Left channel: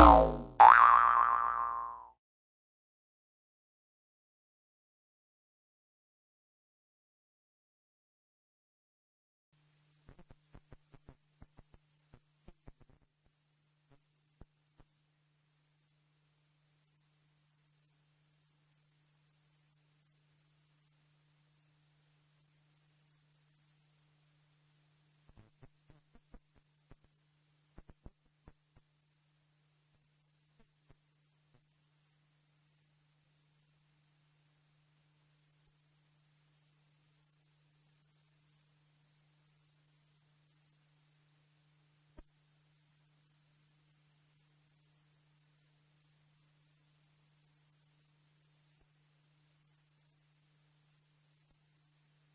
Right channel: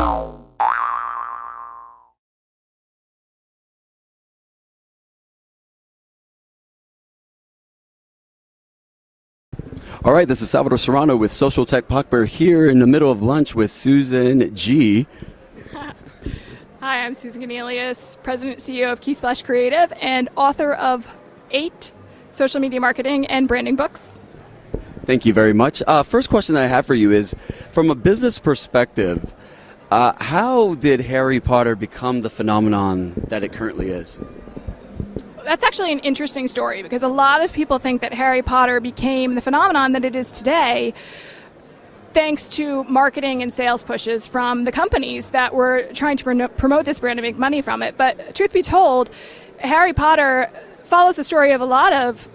All right, this is Salvador Serrano with SocialTechPop. We're here in the middle of lunch with Susan G. Hi, I'm Susan Gunelius, President and CEO of KeySplash Creative and author of 8 social media marketing and branding books. Thank you very much. First question that I have for you is, from a business perspective, how did Harry Potter become the phenomenon that it currently is? That's actually an interesting story because a lot of people think that Harry Potter became the phenomenon that it is today thanks to marketing and sales pushes from the companies that were trying to promote this brand and make money from it. But truth be told, Harry Potter follows the story of a lot of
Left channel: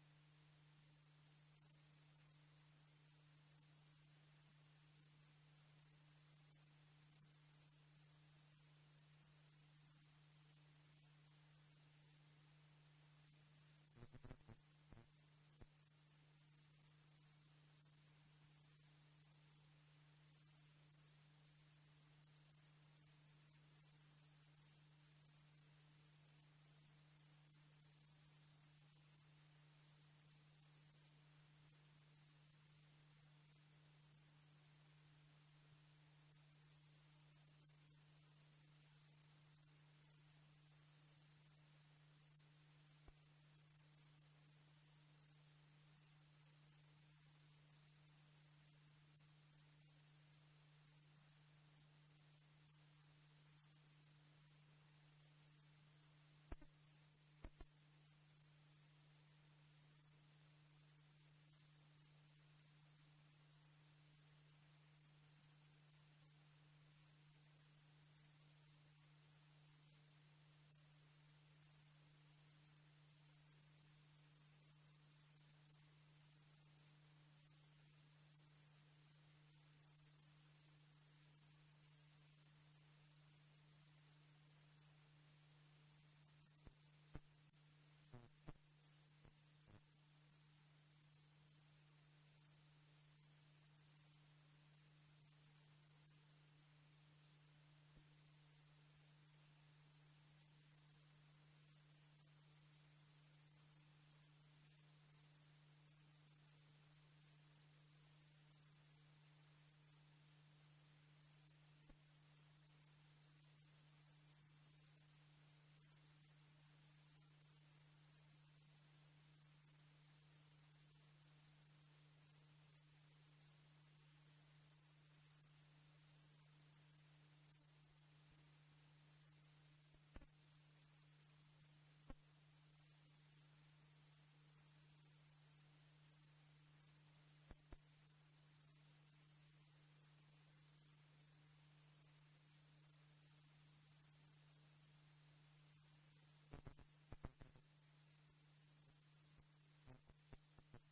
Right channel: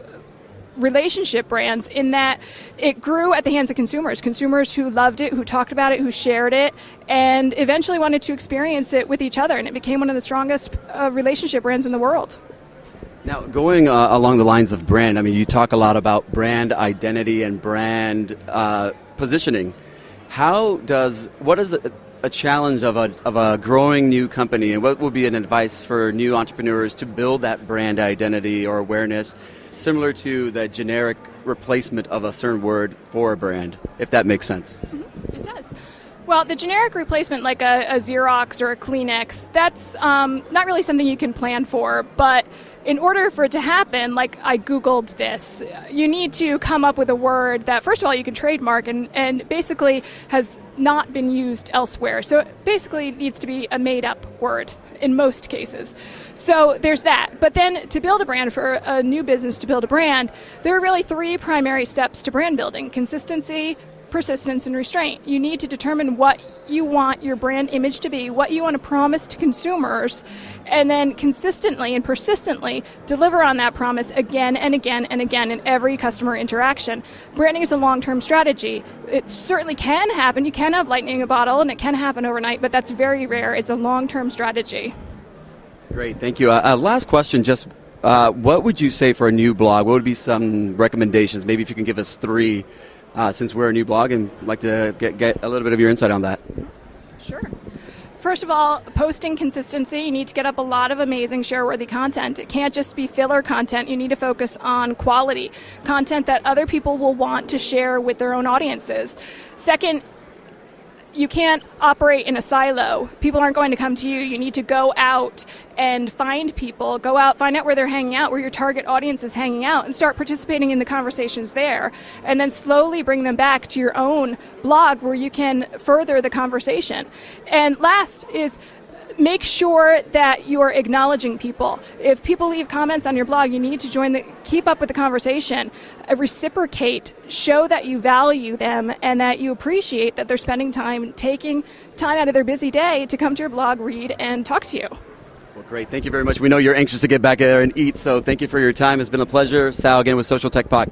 relationship brands in that it grew at the hands of consumers who loved it, who talked about it, who shared it, and eventually wanted to experience it with each other. And it became one of the strongest relationship brands in the world. Now, going along the lines of brand, I mean, you talk a lot about brand identity and brand positioning. What is a challenge of a growing new company, and what would be an advice for new entrepreneurs to build that brand identity or awareness, similar to the generic replacement of a certain word for a brand, if that makes sense? Mm-hmm. It does. Well, the generic replacement, like a Xerox or a Kleenex, that's not really something you can plan for, but in order for it to happen, like I Googled this, you need to come up with a word that, first of all, you can trademark and basically has not been used elsewhere. So it basically needs to be a made-up word in most cases. So there's that. But then to build a brand, for a new business to build a brand, there are really 3 primary steps to brand building: consistency, persistence, and restraint. You need to determine what you want your brand image to be, what you want to promise to consumers, and then consistently and persistently deliver on that promise again and again and again in every customer interaction. Branding is a long-term strategy. It certainly can happen. You can have lightning in a bottle, and it can happen overnight, but that's very rare. It's a long-term strategy. Great, thank you. Last question, just what would you say for a new blog? What would be some recommendations? Maybe if you can give us 3, since we're a new blog, and I'd like to get a little bit of your insight on that. Sure. First of all, posting consistency. You need to get up a lot of amazing share-worthy content. It can't just be filler content. You need to focus on quality, content that other people will want to share with their own audiences. Second, you can't operate in a silo. People aren't going to come to you. You need to go out and find people, go out, find out where they're hanging out, where your target audience is hanging out, and start participating in the conversations there. And then slowly bring them back to your own blog where you can further the conversation. And last is make sure that you're acknowledging people. If people leave comments on your blog, you need to keep up with the conversation, reciprocate, show that you value them and that you appreciate that they're spending time, taking time out of their busy day to come to your blog, read, and talk to you. Well, great. Thank you very much. We know you're anxious to get back there and eat, so thank you for your time. It's been a pleasure. Sal again with SocialTechPop.